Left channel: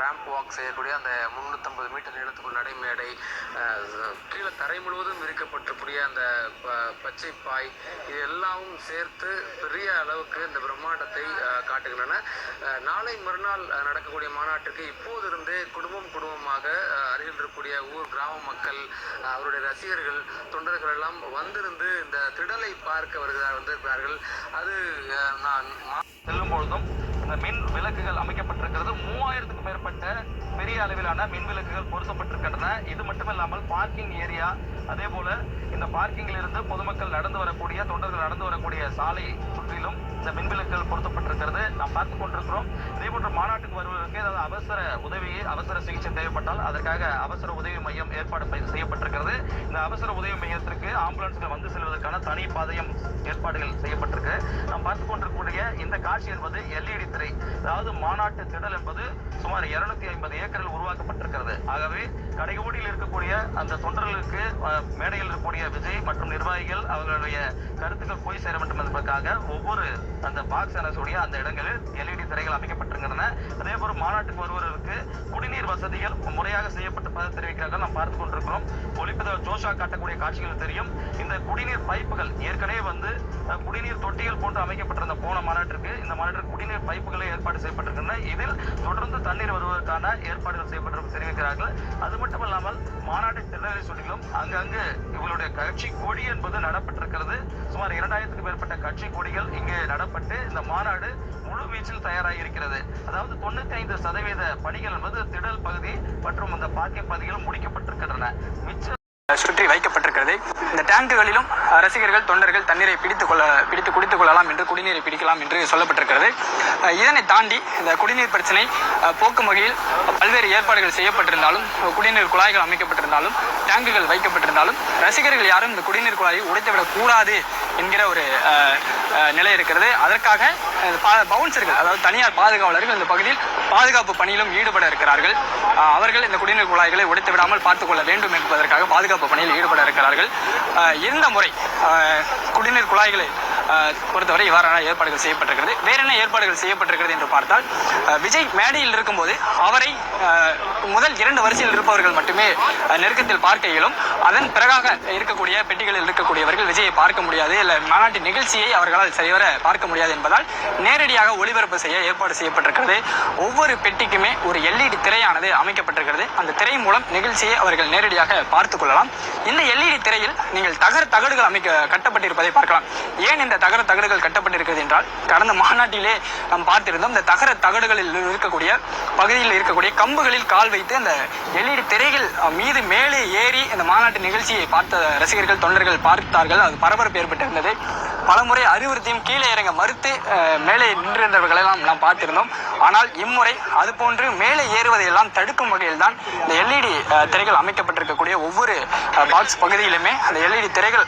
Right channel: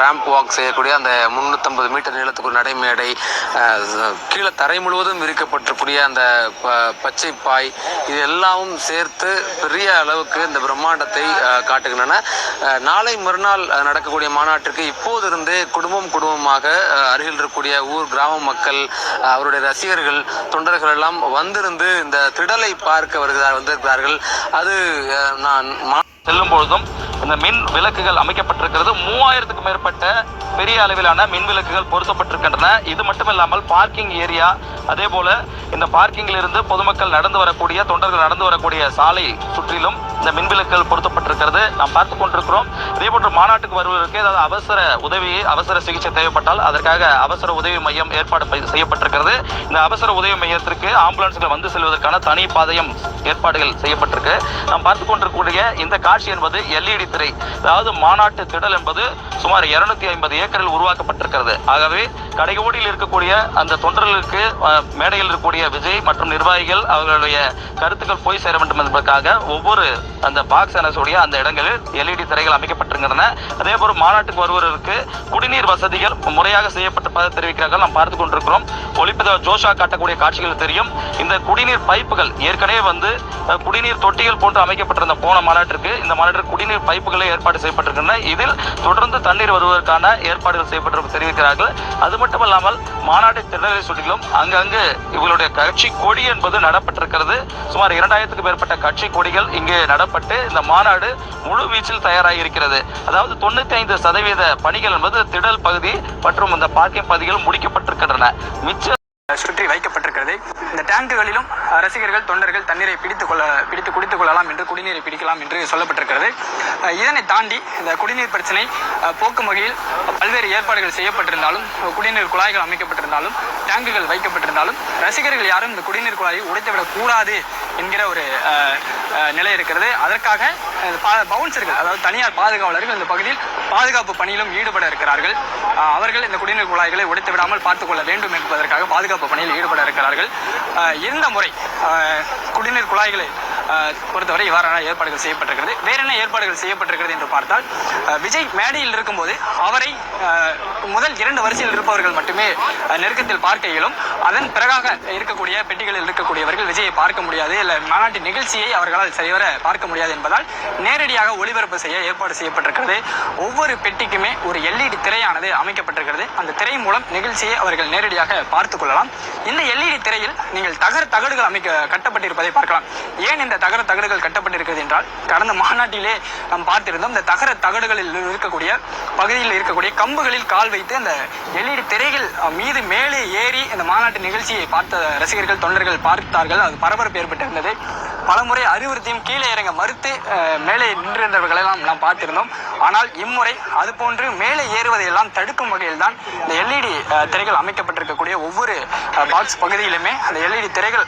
Ramp walk செய்யக்கூடிய அந்த 350 metre நீளத்துக்கு ஒரு நடைமேடை, கீழே தரை முழுவதும் விரிக்கப்பட்டிருக்கூடிய அந்த பச்சை பாய், இது எல்லாமும் சேர்த்து பெரிய அளவுக்கு இந்த பிரம்மாண்டத்தை காட்டுகின்றன. நாளை மறுநாள் நடக்கக்கூடிய மாநாட்டிற்கு இப்போதிருந்தே குடும்பமாக அருகில் இருக்கக்கூடிய ஊர் கிராம மக்கள், அவருடைய ரசிகர்கள், தொண்டர்கள் எல்லாம் வந்திருந்து இந்த திடலை பார்க்க வந்திருக்கிறார்கள். அது நான் செல்லும் பொழுதும் இந்த மின் விளக்குகள் அமைக்கப்பட்டிருக்கிறது. 3000க்கும் மேற்பட்ட பெரிய அளவிலான மின் விளக்குகள் பொருத்தப்பட்டிருக்கின்றன. இது மட்டுமில்லாமல் பார்க்கிங் ஏரியா, அதே போல இந்த பார்க்கிங்கில் இருந்து பொதுமக்கள் நடந்து வரக்கூடிய, தொண்டர்கள் நடந்து வரக்கூடிய சாலை சுற்றிலும் இந்த மின் விளக்குகள் பொருத்தப்பட்டிருக்கிறது. நாம் பார்த்துக் கொண்டிருக்கிறோம். இதே போன்று மாநாட்டுக்கு வருவதற்கு ஏதாவது அவசர உதவி, அவசர சிகிச்சை தேவைப்பட்டால் அதற்காக அவசர உதவி மையம் ஏற்பாடு செய்யப்பட்டிருக்கிறது. இந்த அவசர உதவி மையத்திற்கு ஆம்புலன்ஸ்கள் வந்து செல்வதற்கான தனி பாதையும் ஏற்பாடுகள் செய்யப்பட்டிருக்கு. நாம் பார்த்துக் கொண்டிருக்கக்கூடிய இந்த காட்சி என்பது LED திரை. அதாவது மாநாட்டு திடல் என்பது சுமார் 250 ஏக்கரில் உருவாக்கப்பட்டிருக்கிறது. ஆகவே கடைகோடியில் இருக்கக்கூடிய அந்த தொண்டர்களுக்கு மேடையில் இருக்கக்கூடிய விஜய் மற்றும் நிர்வாகிகள் அவர்களுடைய கருத்துக்கள் போய் சேர வேண்டும் என்பதற்காக ஒவ்வொரு அந்த பாக்ஸ் எனக்கூடிய அந்த இடங்களில் LED திரைகள் அமைக்கப்பட்டிருக்கின்றன. அதே போல மாநாட்டுக்கு வருவதற்கு குடிநீர் வசதிகள் முறையாக செய்யப்பட்டிருப்பதாக தெரிவிக்கிறார்கள். நாம் பார்த்துக் கொண்டிருக்கிறோம். ஒளிப்பதிவு ஜோஷா காட்டக்கூடிய காட்சிகள் தெரியும். இந்த குடிநீர் பைப்புகள் ஏற்கனவே குடிநீர் தொட்டிகள் போன்று அமைக்கப்பட்டிருந்த போன மாநாட்டிற்கு இந்த மாநாட்டிற்கு குடிநீர் பைப்புகளை ஏற்பாடு செய்யப்பட்டிருக்கின்றன. இதில் தொடர்ந்து தண்ணீர் வருவதற்கான ஏற்பாடுகள் செய்யப்பட்டிருப்பது தெரிவிக்கிறார்கள். அது மட்டுமல்லாமல் மாநாட்டை திடலை சுற்றிலும் அங்கங்கு இவர்களுடைய கட்சி கொடி என்பது நடப்பட்டிருக்கிறது. சுமார் 2000க்கும் மேற்பட்ட கட்சி கொடிகள் இங்கே நடப்பட்டு இந்த மாநாடு முழு வீச்சில் தயாராகி இருக்கிறது. அதாவது 95% பணிகள் என்பது திடல் பகுதி மற்றும் இந்த பார்க்கிங் பகுதிகள் முடிக்கப்பட்டிருக்கின்றன. மிச்ச சுற்றி வைக்கப்பட்டிருக்கிறது. இந்த டேங்குகளிலும் ரசிகர்கள், தொண்டர்கள் தண்ணீரை பிடித்து குடித்துக் கொள்ளலாம் என்று, குடிநீரை பிடிக்கலாம் என்று சொல்லப்பட்டிருக்கிறது. இதனை தாண்டி இந்த குடிநீர் பிரச்சனை போக்கும் வகையில் பல்வேறு ஏற்பாடுகள் செய்யப்பட்டிருந்தாலும், குடிநீர் குழாய்கள் அமைக்கப்பட்டிருந்தாலும், டேங்குகள் வைக்கப்பட்டிருந்தாலும் ரசிகர்கள் யாரும் இந்த குடிநீர் குழாயை உடைத்துவிடக் கூடாது என்கிற ஒரு நிலை இருக்கிறது. அதற்காக பவுன்சர்கள், அதாவது தனியார் பாதுகாவலர்கள் இந்த பகுதியில் பாதுகாப்பு பணியிலும் ஈடுபட இருக்கிறார்கள். அவர்கள் இந்த குடிநீர் குழாய்களை உடைத்து விடாமல் பார்த்துக் கொள்ள வேண்டும் என்பதற்காக பாதுகாப்பு பணியில் ஈடுபட இருக்கிறார்கள். இந்த முறை குடிநீர் குழாய்களை பொறுத்தவரை இவ்வாறான ஏற்பாடுகள் செய்யப்பட்டிருக்கிறது. வேற என்ன ஏற்பாடுகள் செய்யப்பட்டிருக்கிறது என்று பார்த்தால், விஜய் மேடையில் இருக்கும்போது அவரை முதல் 2 வரிசையில் இருப்பவர்கள் மட்டுமே நெருக்கத்தில் பார்க்க இயலும். அதன் பிறகாக இருக்கக்கூடிய பெட்டிகளில் இருக்கக்கூடியவர்கள் விஜயை பார்க்க முடியாது, இல்லை மாநாட்டின் நிகழ்ச்சியை அவர்களால் சரிவர பார்க்க முடியாது என்பதால் நேரடியாக ஒளிபரப்பு செய்ய ஏற்பாடு செய்யப்பட்டிருக்கிறது. ஒவ்வொரு பெட்டிக்குமே ஒரு LED திரையானது அமைக்கப்பட்டிருக்கிறது. அந்த திரை மூலம் நிகழ்ச்சியை அவர்கள் நேரடியாக பார்த்துக் கொள்ளலாம். இந்த LED திரையில் நீங்கள் தகடுகள் கட்டப்பட்டிருப்பதை பார்க்கலாம். ஏன் இந்த தகடுகள் கட்டப்பட்டிருக்கிறது என்றால், கடந்த மாநாட்டிலே நாம் பார்த்திருந்தோம். இந்த தகடுகளில் இருக்கக்கூடிய பகுதியில் இருக்கக்கூடிய கம்புகளில் கால் வைத்து அந்த LED திரைகள் மீது மேலே ஏறி இந்த மாநாட்டு நிகழ்ச்சியை பார்த்த ரசிகர்கள், தொண்டர்கள் பார்த்தார்கள். அது பரபரப்பு ஏற்பட்டிருந்தது. பலமுறை அறிவுறுத்தியும் கீழே இறங்க மறுத்து மேலே நின்றிருந்தவர்களெல்லாம் நாம் பார்த்திருந்தோம். ஆனால் இம்முறை அதுபோன்று மேலே ஏறுவதையெல்லாம் தடுக்கும் வகையில் தான் இந்த LED திரைகள் அமைக்கப்பட்டிருக்கக்கூடிய ஒவ்வொரு பாக்ஸ் பகுதியிலுமே அந்த LED திரைகள்